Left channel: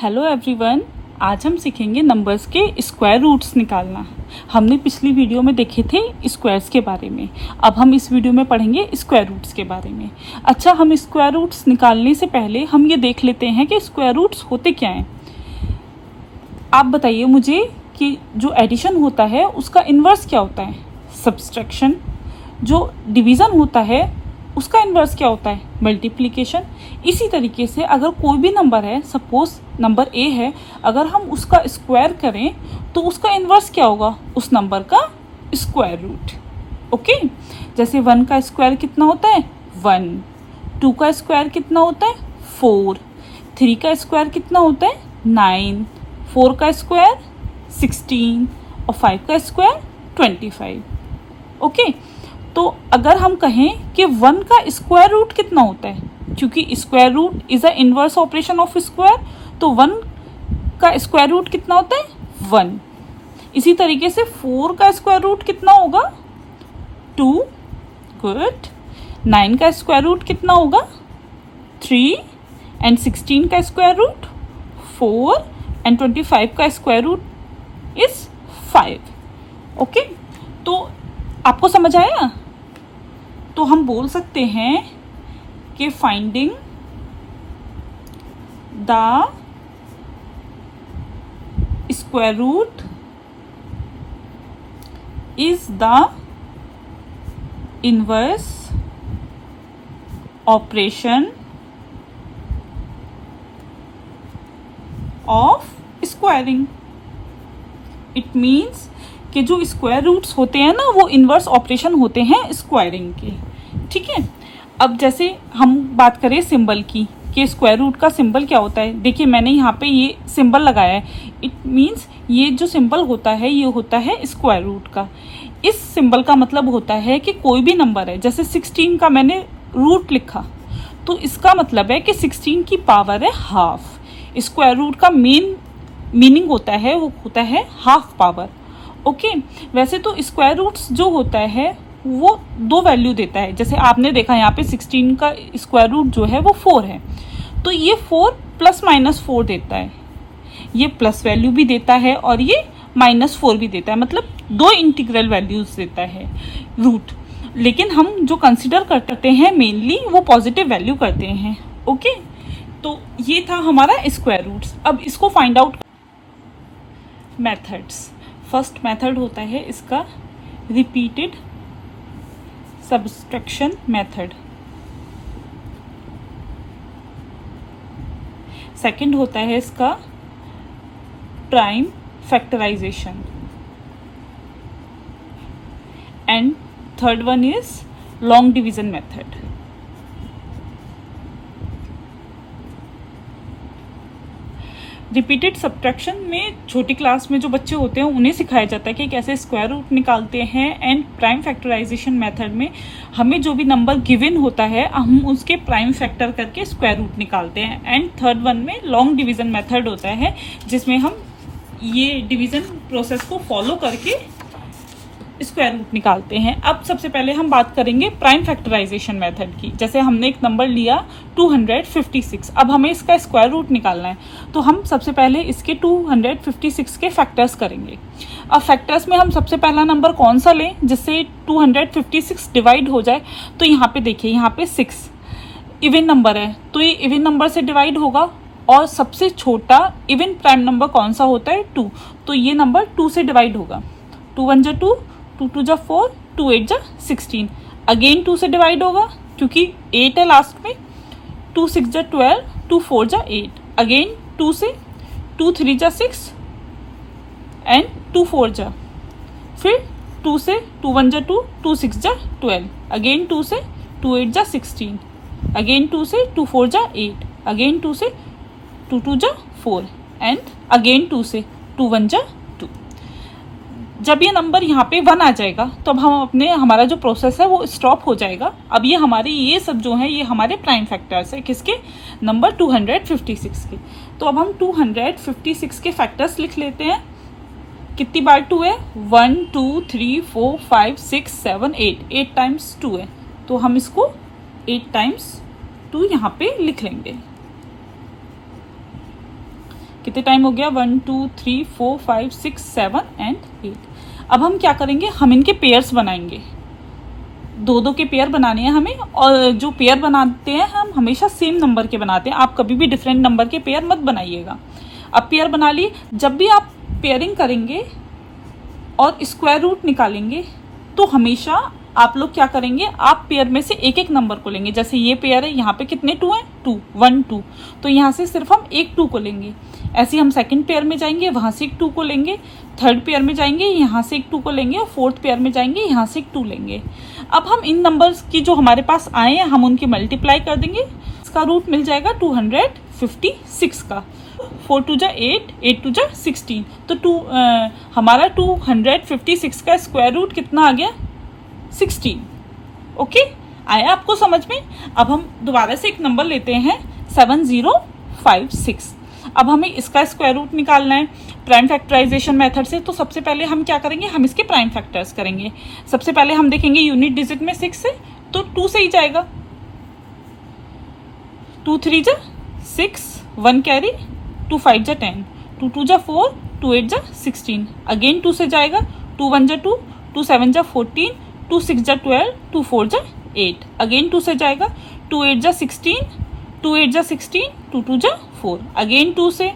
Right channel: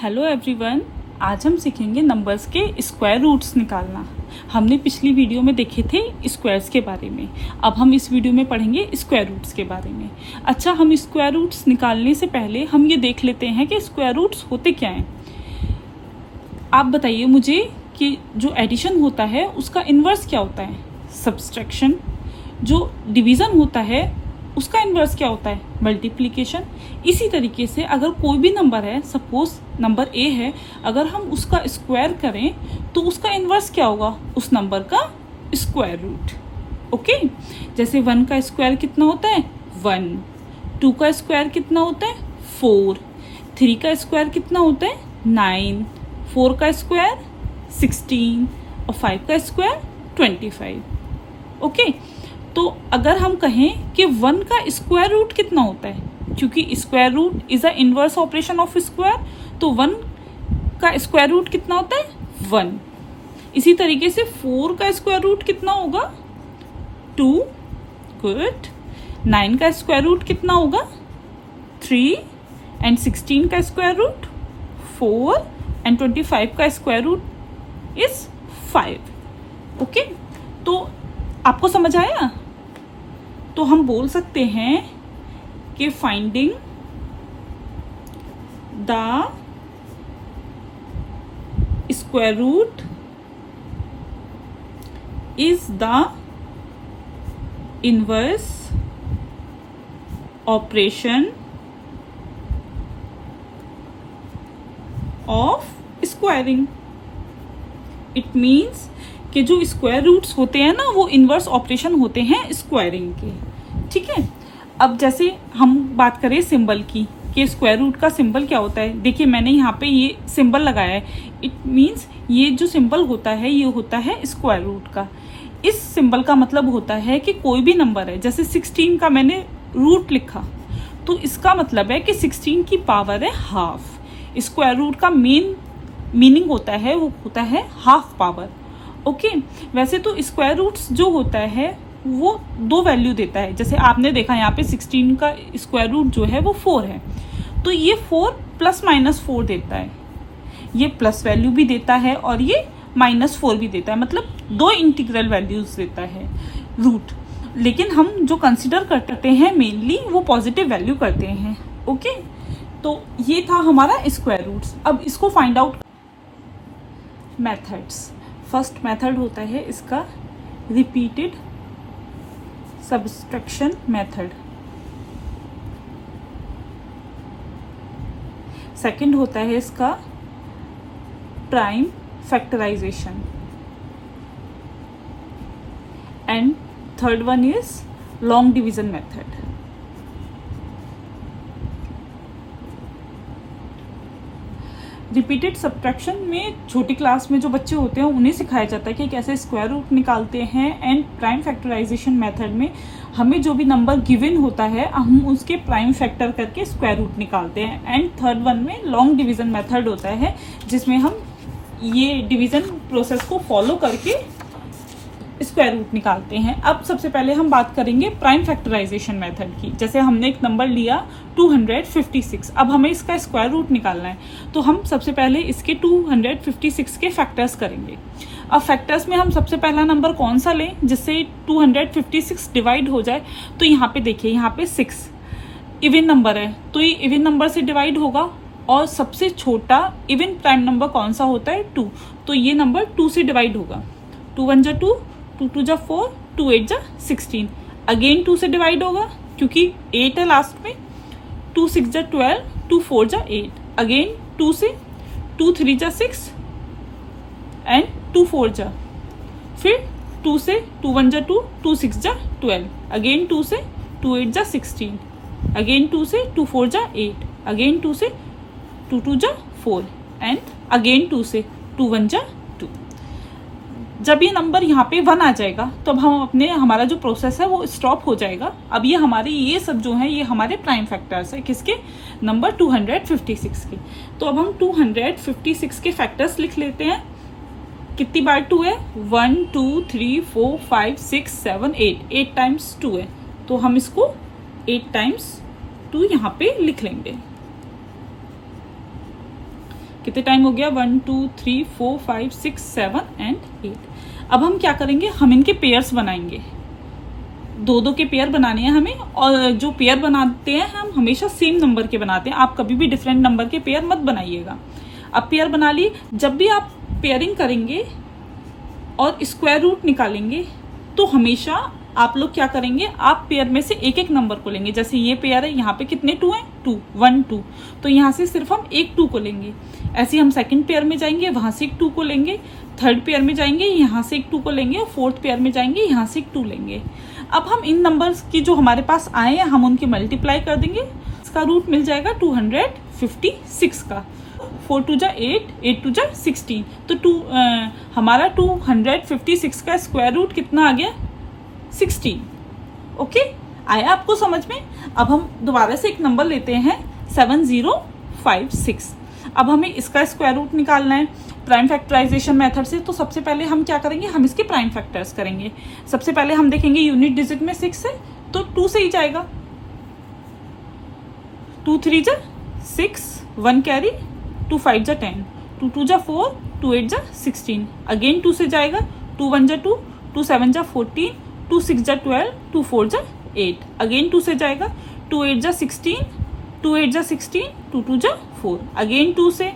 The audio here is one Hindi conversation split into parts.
हेलो एवरीवन, आज हम सीखेंगे नंबर्स के स्क्वायर रूट्स निकालना। हमने पिछली वीडियो में देखे थे स्क्वायर्स के बारे में। अब हम इस वीडियो में पढ़ेंगे स्क्वायर रूट्स के बारे में। अच्छा, हम स्क्वायर रूट्स निकालने से पहले हम ये देख लेते हैं कि स्क्वायर रूट्स होते क्या हैं। आप बताइए मुझे कि जो एडिशन होता है उसका इन्वर्स क्या होता है। सब्सट्रैक्शन। जो डिवीज़न होता है उसका इन्वर्स क्या होता है। मल्टीप्लिकेशन। इसी तरीके से अगर कोई भी नंबर है, सपोज नंबर ए है, अगर हम उसका स्क्वायर करें तो उसका इन्वर्स क्या होगा, उस नंबर का स्क्वायर रूट। ओके, जैसे 1 का स्क्वायर कितना होता है 1, 2 का स्क्वायर कितना होता है 4, 3 का स्क्वायर कितना होता है 9, 4 का स्क्वायर 16 और 5 का स्क्वायर 25। ओके, तो अगर हम कहें कि 1 का स्क्वायर रूट कितना होता है, क्योंकि square root is a inverse operation of square, तो 1 का स्क्वायर रूट कितना होता है 1। इसी तरीके से 4 का स्क्वायर रूट कितना होगा 2। गुड। 9 का स्क्वायर रूट कितना होगा 3 एंड 16 का स्क्वायर रूट 4 एंड 25 का स्क्वायर रूट इज 5। ओके, तो आपको समझ आया। तो हम बोल सकते हैं कि finding the square root is the inverse operation of squaring. It means कि जो स्क्वायर रूट्स होते हैं ना, वो इनवर्स ऑपरेशन होते हैं स्क्वायरिंग के। ठीक है, अब जैसे हम बात करें सिंबल की कि स्क्वायर रूट का सिंबल क्या होता है। देखिए, मैंने यहाँ पे ये सिंबल लगाया है। इट मीन्स ये जो सिंबल होता है ये होता है स्क्वायर रूट का। इस सिंबल का मतलब होता है कि कोई भी नंबर है, जैसे 16 का मैंने रूट लिखा तो इसका मतलब है कि 16 की पावर है हाफ। स्क्वायर रूट का मेन मीनिंग होता है वो होता है हाफ पावर। ओके, वैसे तो स्क्वायर रूट्स जो होता है वो 2 वैल्यू देता है। जैसे आपने देखा यहाँ पे 16 का स्क्वायर रूट जो है वो 4 है, तो ये 4 प्लस माइनस 4 देता है। ये प्लस वैल्यू भी देता है और ये -4 भी देता है, मतलब 2 इंटीग्रल वैल्यूज देता है रूट। लेकिन हम जो कंसिडर करते हैं मेनली वो पॉजिटिव वैल्यू करते हैं। ओके, तो ये था हमारा स्क्वायर रूट्स। अब इसको find out methods. First method होता है इसका रिपीटेड सब्सट्रैक्शन मेथड। सेकंड होता है इसका prime factorisation and third one is long division method. Repeated subtraction में छोटी क्लास में जो बच्चे होते हैं उन्हें सिखाया जाता है कि कैसे स्क्वायर रूट निकालते हैं। एंड प्राइम फैक्टराइजेशन मेथड में हमें जो भी नंबर गिवन होता है हम उसके प्राइम फैक्टर करके स्क्वायर रूट निकालते हैं। एंड थर्ड वन में लॉन्ग डिवीजन मेथड होता है जिसमें हम ये डिवीजन प्रोसेस को फॉलो करके स्क्वायर रूट निकालते हैं। अब सबसे पहले हम बात करेंगे प्राइम फैक्टराइजेशन मेथड की। जैसे हमने एक नंबर लिया 256, अब हमें इसका स्क्वायर रूट निकालना है, तो हम सबसे पहले इसके 256 के फैक्टर्स करेंगे। अब फैक्टर्स में हम सबसे पहला नंबर कौन सा लें जिससे 256 डिवाइड हो जाए। तो यहाँ पे देखिए, यहाँ पे 6 इवन नंबर है तो ये इवन नंबर से डिवाइड होगा। और सबसे छोटा इवन प्राइम नंबर कौन सा होता है 2, तो ये नंबर 2 से डिवाइड होगा। 2 1 जा 2, 2 2 जा 4, 2 8 जा 16। अगेन 2 से डिवाइड होगा क्योंकि 8 है लास्ट में। 2 6 जा 12, 2 4 जा 8। अगेन 2 से 2 3 जा 6 एंड 2 4 जा, फिर 2 से 2 1 जा 2, 2 6 जा 12। अगेन 2 से 2 8 जा 16। अगेन 2 से 2 4 जा 8। अगेन 2 से 2 2 जा 4 एंड अगेन 2 से 2 1 जा 2। जब ये नंबर यहाँ पे 1 आ जाएगा तो अब हम हमारा जो प्रोसेस है वो स्टॉप हो जाएगा। अब ये हमारे ये सब जो है ये हमारे प्राइम फैक्टर्स है किसके, नंबर 256 के। तो अब हम 256 के फैक्टर्स लिख लेते हैं। कितनी बार 2 है 1 2 3 4 5 6 7 8 टाइम्स 2 है, तो हम इसको 8 टाइम्स 2 यहाँ पे लिख लेंगे। कितने टाइम हो गया, 1 2 3 4 5 6 7 एंड 8। अब हम क्या करेंगे, हम इनके पेयर्स बनाएंगे, दो दो के पेयर बनाने हैं हमें, और जो पेयर बनाते हैं हम हमेशा सेम नंबर के बनाते हैं, आप कभी भी डिफरेंट नंबर के पेयर मत बनाइएगा। अब पेयर बना लिए, जब भी आप पेयरिंग करेंगे और स्क्वायर रूट निकालेंगे तो हमेशा आप लोग क्या करेंगे, आप पेयर में से एक एक नंबर को लेंगे। जैसे ये पेयर है, यहाँ पे कितने 2 हैं, 2 1 2, तो यहाँ से सिर्फ हम एक 2 को लेंगे। ऐसे हम सेकंड पेयर में जाएंगे, वहां से एक 2 को लेंगे, थर्ड पेयर में जाएंगे, यहाँ से एक 2 को लेंगे, फोर्थ पेयर में जाएंगे, यहाँ से एक 2 लेंगे। अब हम इन नंबर्स की जो हमारे पास आए हैं हम उनकी मल्टीप्लाई कर देंगे, इसका रूट मिल जाएगा 256 का। 4 2 जा 8, 8 2 जा 16, तो हमारा 256 का स्क्वायर रूट कितना आ गया, 16। ओके, आया आपको समझ में। अब हम दोबारा से एक नंबर लेते हैं 7056। अब हमें इसका स्क्वायर रूट निकालना है प्राइम फैक्टराइजेशन मेथड से। तो सबसे पहले हम क्या करेंगे, हम इसके प्राइम फैक्टर्स करेंगे। सबसे पहले हम देखेंगे यूनिट डिजिट में 6 है तो 2 से ही जाएगा, 2 3 जा 6, 1 कैरी, 2 5 जा 10, 2 2 जा 4, 2 8 जा 16, अगेन 2 से जाएगा, 2 1 जा 2, 2 7 जा 14, 2 6 जा 12, 2 4 जा 8, अगेन 2 से जाएगा, 2 8 जा 16, 2 8 जा 16, 2 2 जा 4, अगेन 2 से,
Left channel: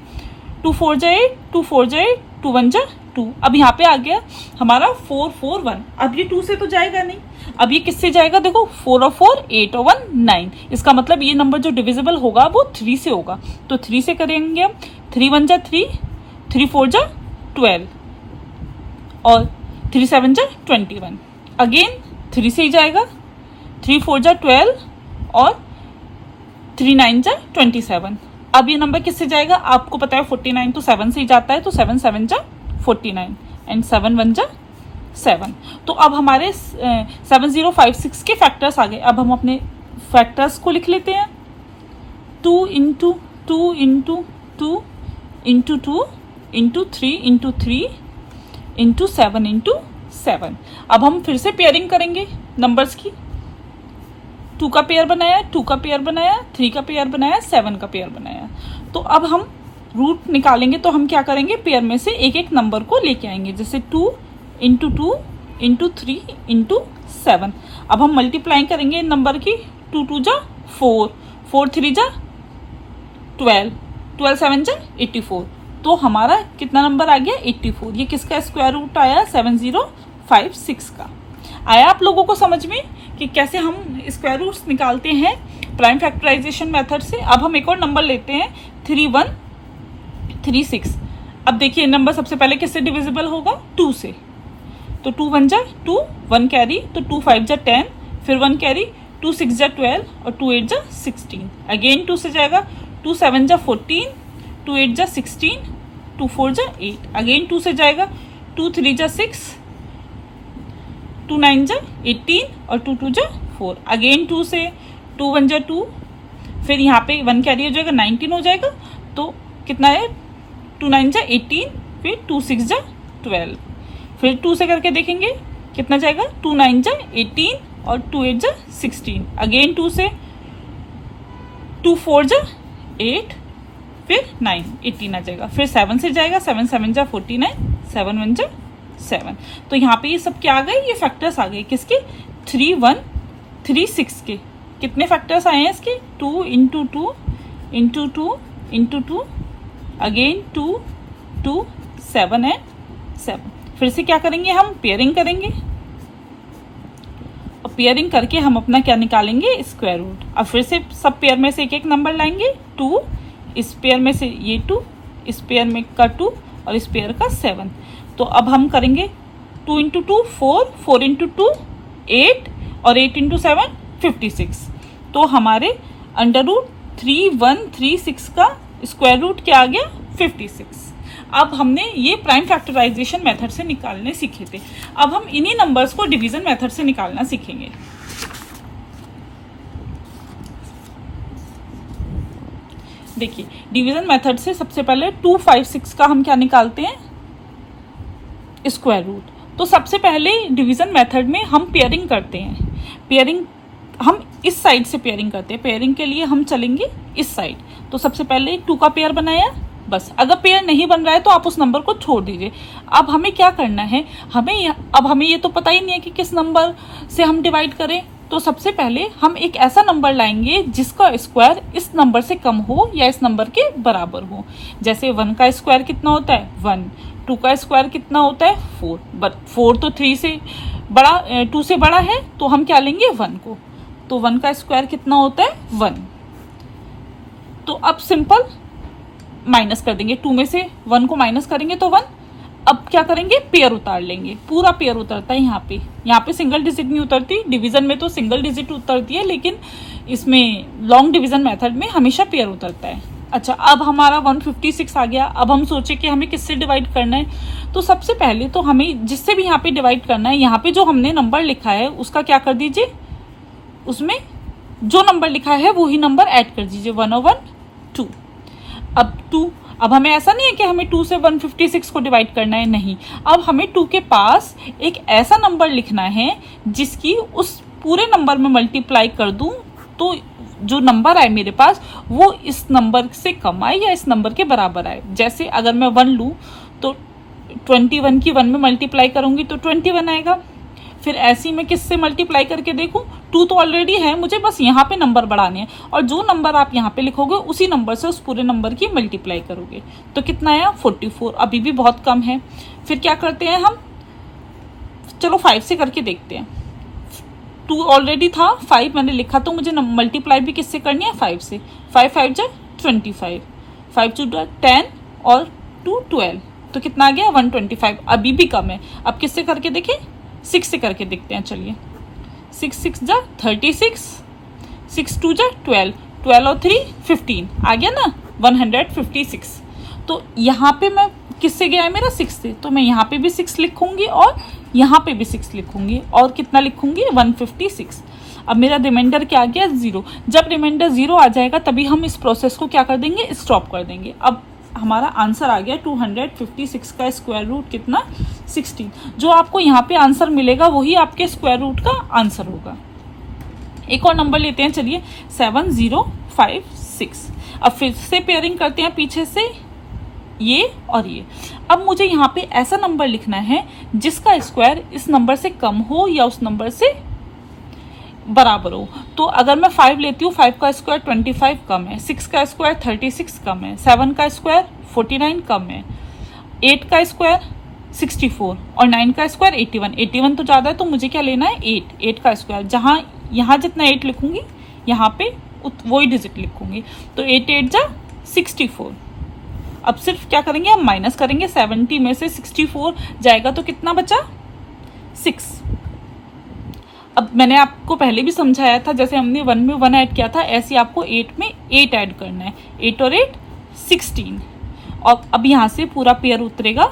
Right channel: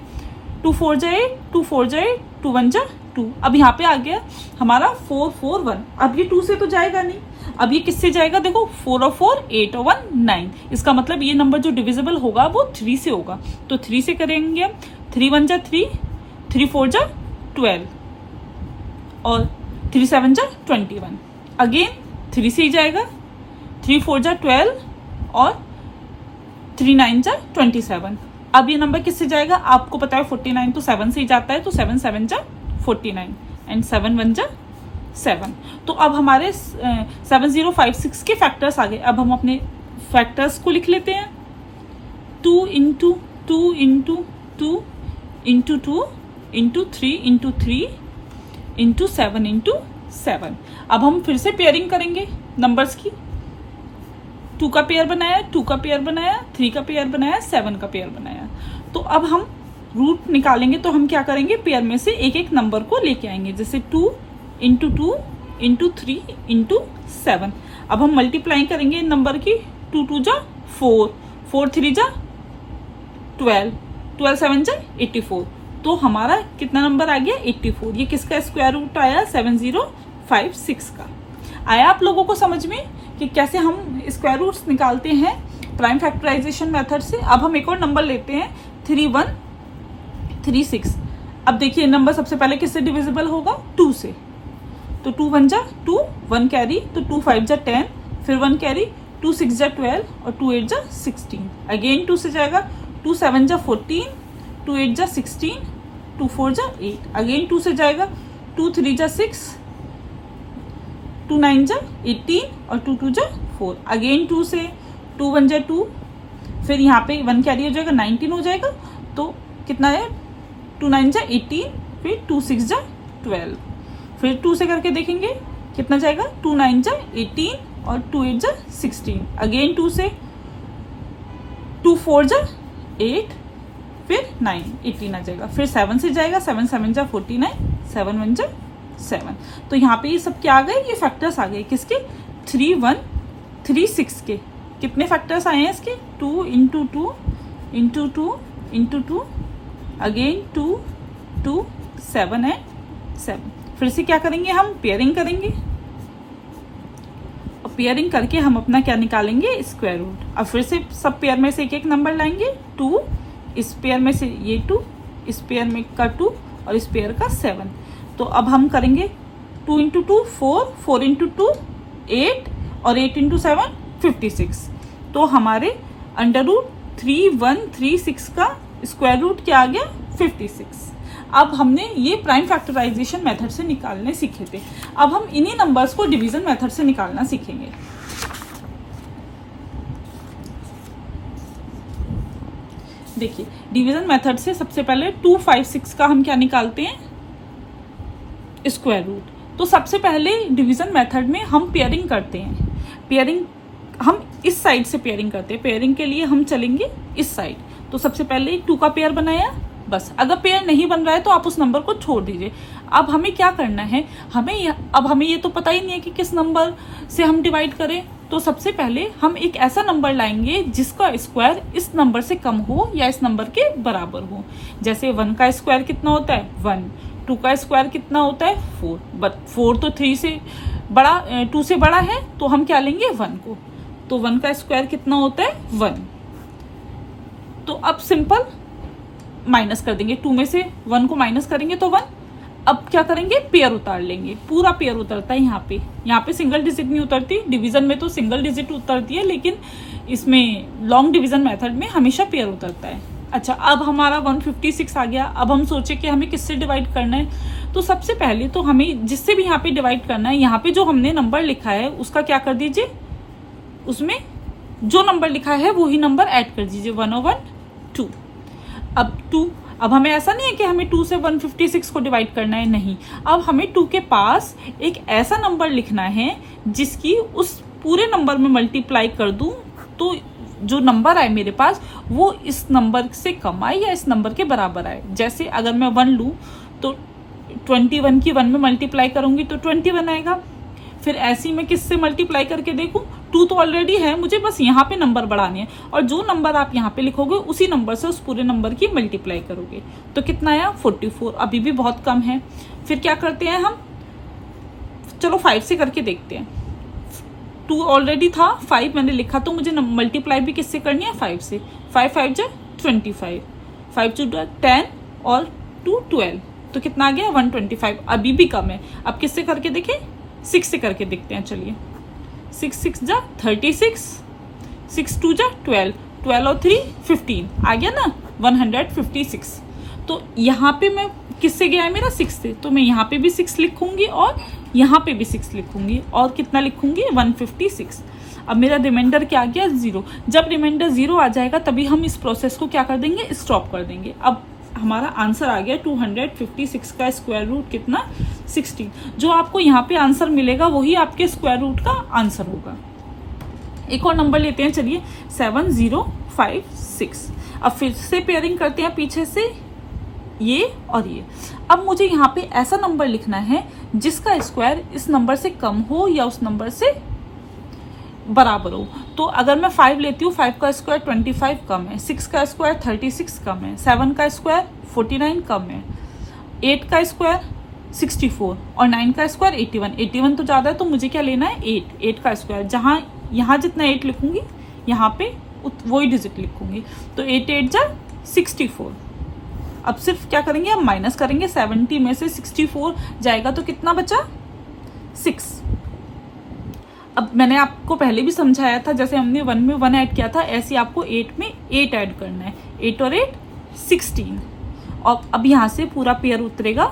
2 4 जा 8, 2 4 जा 8, 2 1 जा 2। अब यहाँ पे आ गया हमारा 4 4 1। अब ये 2 से तो जाएगा नहीं, अब ये किससे जाएगा, देखो 4 और 4 8 और 1 9, इसका मतलब ये नंबर जो डिविजिबल होगा वो 3 से होगा। तो 3 से करेंगे हम, 3 1 जा 3, 3 4 जा 12 और 3 7 जा 21, अगेन 3 से ही जाएगा, 3 4 जा 12 और 3 9 जा 27। अब ये नंबर किससे जाएगा, आपको पता है 49 तो 7 से ही जाता है, तो 7 7 जा 49 एंड 7 1 जा 7। तो अब हमारे 7056 के फैक्टर्स आ गए। अब हम अपने फैक्टर्स को लिख लेते हैं, 2 into 2 into 2 into 2 into 3 into 3 into 7 into 7। अब हम फिर से पेयरिंग करेंगे नंबर्स की, 2 का पेयर बनाया, 2 का पेयर बनाया, 3 का पेयर बनाया, 7 का पेयर बनाया। तो अब हम रूट निकालेंगे, तो हम क्या करेंगे, पेयर में से एक एक नंबर को लेके आएंगे, जैसे 2 इंटू 2 इंटू 3 इंटू 7। अब हम मल्टीप्लाई करेंगे इन नंबर की, 2 2 जा 4, 4 3 जा 12, 12 7 जा 84। तो हमारा कितना नंबर आ गया, 84। ये किसका स्क्वायर रूट आया, 7056 का। आया आप लोगों को समझ में कि कैसे हम स्क्वायर रूट्स निकालते हैं प्राइम फैक्टराइजेशन मेथड से। अब हम एक और नंबर लेते हैं 3136। अब देखिए नंबर सबसे पहले किससे डिविजिबल होगा, 2 से, तो 2 1 जा 2, 1 कैरी, तो 2 5 जा 10, फिर 1 कैरी, 2 6 जा 12 और 2 8 जा 16, अगेन 2 से जाएगा, 2 7 जा 14, 2 8 जा 16, 2 4 जा 8, अगेन 2 से जाएगा, 2 3 जा 6, 2 9 जा 18 और 2 2 जा 4, अगेन 2 से, 2 1 जा 2, फिर यहाँ पे 1 कैरी हो जाएगा, 19 हो जाएगा, तो कितना है, 2 9 जा 18, फिर 2 6 जा 12, फिर 2 से करके देखेंगे कितना जाएगा, 2 9 जा 18 और 2 8 जा 16, अगेन 2 से, 2 4 जा 8, फिर 9 18 आ जाएगा, फिर 7 से जाएगा, 7 7 जा 49, 7 1 जा 7। तो यहाँ पे ये सब क्या आ गए, ये फैक्टर्स आ गए किसके, 3136 के। कितने फैक्टर्स आए हैं इसके, 2 इंटू 2 इंटू 2 इंटू 2, अगेन 2 2 7 है 7। फिर से क्या करेंगे, हम पेयरिंग करेंगे और पेयरिंग करके हम अपना क्या निकालेंगे, स्क्वायर रूट। अब फिर से सब पेयर में से एक एक नंबर लाएंगे, 2, इस पेयर में से ये 2, इस पेयर में का 2 और इस पेयर का 7। तो अब हम करेंगे 2 इंटू 2 4, 4 इंटू 2 8 और 8 इंटू 7 56। तो हमारे अंडर रूट 3136 का स्क्वायर रूट क्या आ गया, 56। अब हमने ये प्राइम फैक्टराइजेशन मेथड से निकालने सीखे थे। अब हम इन्हीं नंबर्स को डिवीजन मेथड से निकालना सीखेंगे। देखिए डिवीजन मेथड से सबसे पहले 256 का हम क्या निकालते हैं, स्क्वायर रूट। तो सबसे पहले डिवीजन मेथड में हम पेयरिंग करते हैं। पेयरिंग हम इस साइड से पेयरिंग करते हैं, पेयरिंग के लिए हम चलेंगे इस साइड। तो सबसे पहले 2 का पेयर बनाया, बस। अगर पेयर नहीं बन रहा है तो आप उस नंबर को छोड़ दीजिए। अब हमें क्या करना है, हमें ये तो पता ही नहीं है कि किस नंबर से हम डिवाइड करें। तो सबसे पहले हम एक ऐसा नंबर लाएंगे जिसका स्क्वायर इस नंबर से कम हो या इस नंबर के बराबर हो। जैसे 1 का स्क्वायर कितना होता है 1, 2 का स्क्वायर कितना होता है 4, बट 4 तो 3 से बड़ा 2 से बड़ा है, तो हम क्या लेंगे 1 को। तो 1 का स्क्वायर कितना होता है 1। तो अब सिंपल माइनस कर देंगे, 2 में से 1 को माइनस करेंगे तो 1। अब क्या करेंगे, पेयर उतार लेंगे, पूरा पेयर उतरता है यहाँ पे सिंगल डिजिट नहीं उतरती। डिवीजन में तो सिंगल डिजिट उतरती है, लेकिन इसमें लॉन्ग डिवीजन मेथड में हमेशा पेयर उतरता है। अच्छा, अब हमारा 156 आ गया। अब हम सोचे कि हमें किससे डिवाइड करना है। तो सबसे पहले तो हमें जिससे भी यहाँ पे डिवाइड करना है, यहाँ पे जो हमने नंबर लिखा है उसका क्या कर दीजिए, उसमें जो नंबर लिखा है वही नंबर ऐड कर दीजिए, 1 और 1 2। अब हमें ऐसा नहीं है कि हमें 2 से 156 को डिवाइड करना है, नहीं। अब हमें 2 के पास एक ऐसा नंबर लिखना है जिसकी उस पूरे नंबर में मल्टीप्लाई कर दूं तो जो नंबर आए मेरे पास वो इस नंबर से कम आए या इस नंबर के बराबर आए। जैसे अगर मैं 1 लूँ तो 21 की 1 में मल्टीप्लाई करूंगी तो 21 आएगा। फिर ऐसी मैं किससे मल्टीप्लाई करके देखूं, 2 तो ऑलरेडी है, मुझे बस यहाँ पे नंबर बढ़ाने हैं, और जो नंबर आप यहाँ पे लिखोगे उसी नंबर से उस पूरे नंबर की मल्टीप्लाई करोगे तो कितना आया 44। अभी भी बहुत कम है। फिर क्या करते हैं हम, चलो 5 से करके देखते हैं। 2 ऑलरेडी था, 5 मैंने लिखा, तो मुझे मल्टीप्लाई भी किससे करनी है 5 से। 5 5 जा 25, 5 2 10 और 2 12, तो कितना आ गया 125। अभी भी कम है। अब किससे करके देखें, 6 से करके देखते हैं। चलिए 6 6 जा 36, 6 2 जा 12, 12 और 3 15, आ गया ना 156। तो यहाँ पे मैं किससे गया है मेरा 6 से, तो मैं यहाँ पे भी 6 लिखूंगी और यहाँ पे भी 6 लिखूंगी, और कितना लिखूंगी 156। अब मेरा रिमाइंडर क्या आ गया 0। जब रिमाइंडर 0 आ जाएगा तभी हम इस प्रोसेस को क्या कर देंगे, स्टॉप कर देंगे। अब हमारा आंसर आ गया 256 का स्क्वायर रूट कितना 16। जो आपको यहाँ पे आंसर मिलेगा वही आपके स्क्वायर रूट का आंसर होगा। एक और नंबर लेते हैं, चलिए 7056। अब फिर से पेयरिंग करते हैं पीछे से ये और ये। अब मुझे यहाँ पे ऐसा नंबर लिखना है जिसका स्क्वायर इस नंबर से कम हो या उस नंबर से बराबर हो। तो अगर मैं 5 लेती हूँ, 5 का स्क्वायर 25 कम है, 6 का स्क्वायर 36 कम है, 7 का स्क्वायर 49 कम है, 8 का स्क्वायर 64 और 9 का स्क्वायर 81। 81 तो ज़्यादा है, तो मुझे क्या लेना है 8 का स्क्वायर। जहाँ यहाँ जितना 8 लिखूंगी यहाँ पे वही डिजिट लिखूंगी, तो 8 8 जा 64। अब सिर्फ क्या करेंगे, हम माइनस करेंगे, 70 में से 64 जाएगा तो कितना बचा 6। अब मैंने आपको पहले भी समझाया था, जैसे हमने 1 में 1 ऐड किया था, ऐसे आपको 8 में 8 ऐड करना है। 8 और 8 16। और अब यहाँ से पूरा पेयर उतरेगा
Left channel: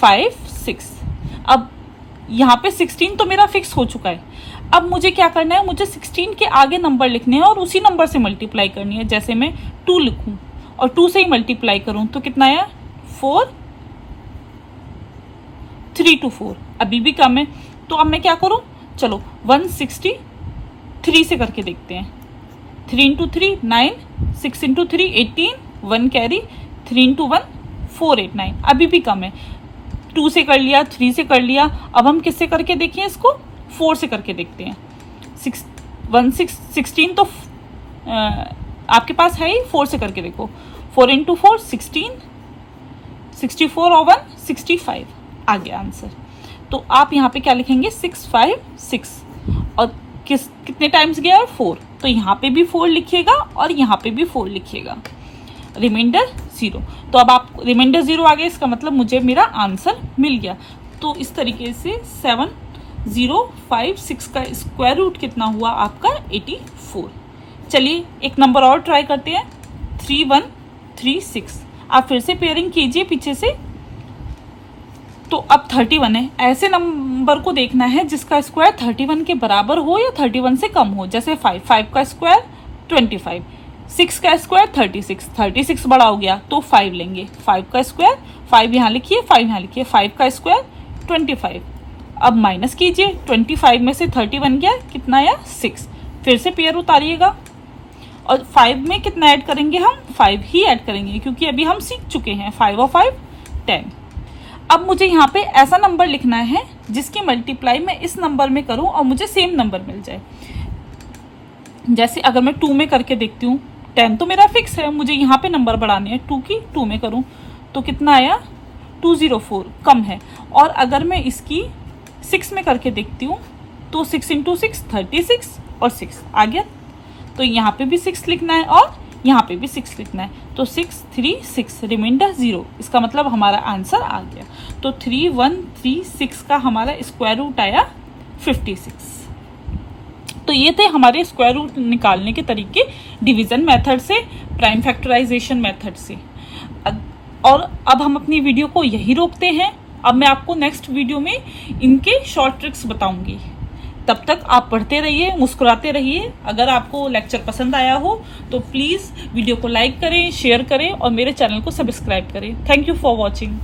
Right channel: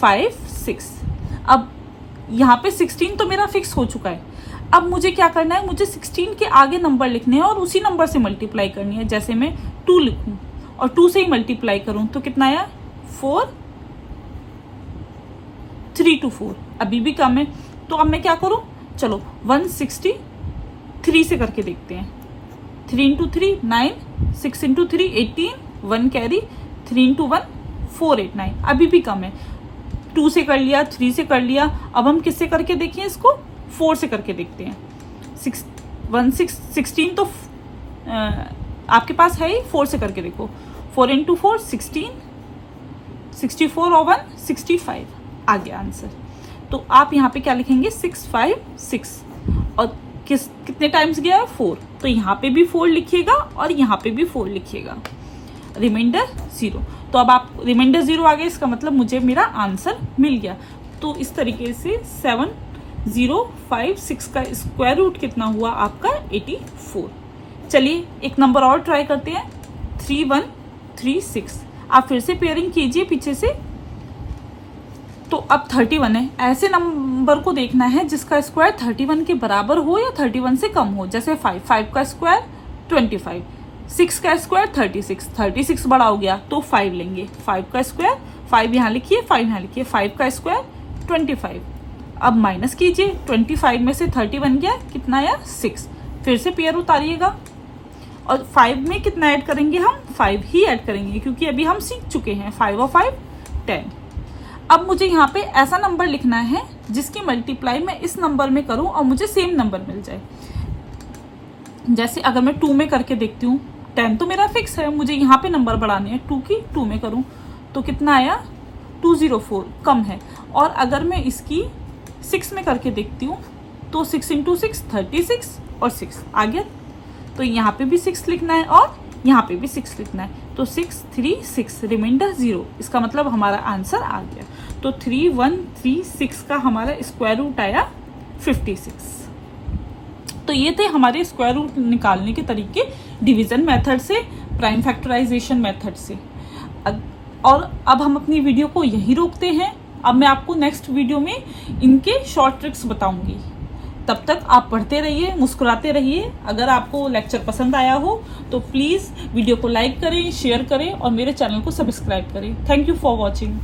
5 6। अब यहाँ पे 16 तो मेरा फिक्स हो चुका है। अब मुझे क्या करना है, मुझे 16 के आगे नंबर लिखने हैं और उसी नंबर से मल्टीप्लाई करनी है। जैसे मैं 2 लिखूं और 2 से ही मल्टीप्लाई करूं तो कितना आया 4, 3 to 4, अभी भी कम है। तो अब मैं क्या करूं, चलो 163 से करके देखते हैं। 3 into 3 9, 6 into 3 18, 1 कैरी, 3 into 1 4 8 9, अभी भी कम है। 2 से कर लिया, 3 से कर लिया। अब हम किससे करके देखें इसको, 4 से करके देखते हैं। 16 तो आपके पास है ही, 4 से करके देखो। 4 into 4 16, 64 और 1 65, आ गया आंसर। तो आप यहाँ पे क्या लिखेंगे 656, और कितने टाइम्स गया है 4, तो यहाँ पे भी 4 लिखिएगा और यहाँ पे भी 4 लिखिएगा। रिमाइंडर 0, तो अब आप रिमाइंडर 0 आ गया, इसका मतलब मुझे मेरा आंसर मिल गया। तो इस तरीके से 7056 का स्क्वायर रूट कितना हुआ आपका 84। चलिए एक नंबर और ट्राई करते हैं, 3136। आप फिर से पेयरिंग कीजिए पीछे से। तो अब 31 है, ऐसे नंबर को देखना है जिसका स्क्वायर 31 के बराबर हो या 31 से कम हो। जैसे 5 का स्क्वायर 25, 6 का स्क्वायर 36 बड़ा हो गया तो 5 लेंगे। 5 का स्क्वायर 5 यहाँ लिखिए, 5 यहाँ लिखिए, 5 का स्क्वायर 25। अब माइनस कीजिए, 25 में से 30 बन गया, कितना आया 6। फिर से पेयर उतारिएगा। और 5 में कितना ऐड करेंगे हम, 5 ही ऐड करेंगे क्योंकि अभी हम सीख चुके हैं 5 और 5 10। अब मुझे यहाँ पे ऐसा नंबर लिखना है जिसकी मल्टीप्लाई मैं इस नंबर में करूं और मुझे सेम नंबर मिल जाए। जैसे अगर मैं 2 में करके देखती हूँ, 10 तो मेरा फिक्स है, मुझे यहाँ पे नंबर बढ़ाने हैं, 2 की 2 में करूँ तो कितना आया 204, कम है। और अगर मैं इसकी 6 में करके देखती हूँ तो 6 × 6 36 और 6 आ गया। तो यहाँ पे भी 6 लिखना है और यहाँ पे भी 6 लिखना है, तो 6 3 6 रिमाइंडर 0, इसका मतलब हमारा आंसर आ गया। तो 3136 का हमारा स्क्वायर रूट आया 56। तो ये थे हमारे स्क्वायर रूट निकालने के तरीके डिवीजन मेथड से, प्राइम फैक्टराइजेशन मेथड से। और अब हम अपनी वीडियो को यही रोकते हैं। अब मैं आपको नेक्स्ट वीडियो में इनके शॉर्ट ट्रिक्स बताऊंगी। तब तक आप पढ़ते रहिए, मुस्कुराते रहिए। अगर आपको लेक्चर पसंद आया हो तो प्लीज़ वीडियो को लाइक करें, शेयर करें और मेरे चैनल को सब्सक्राइब करें। Thank you for watching.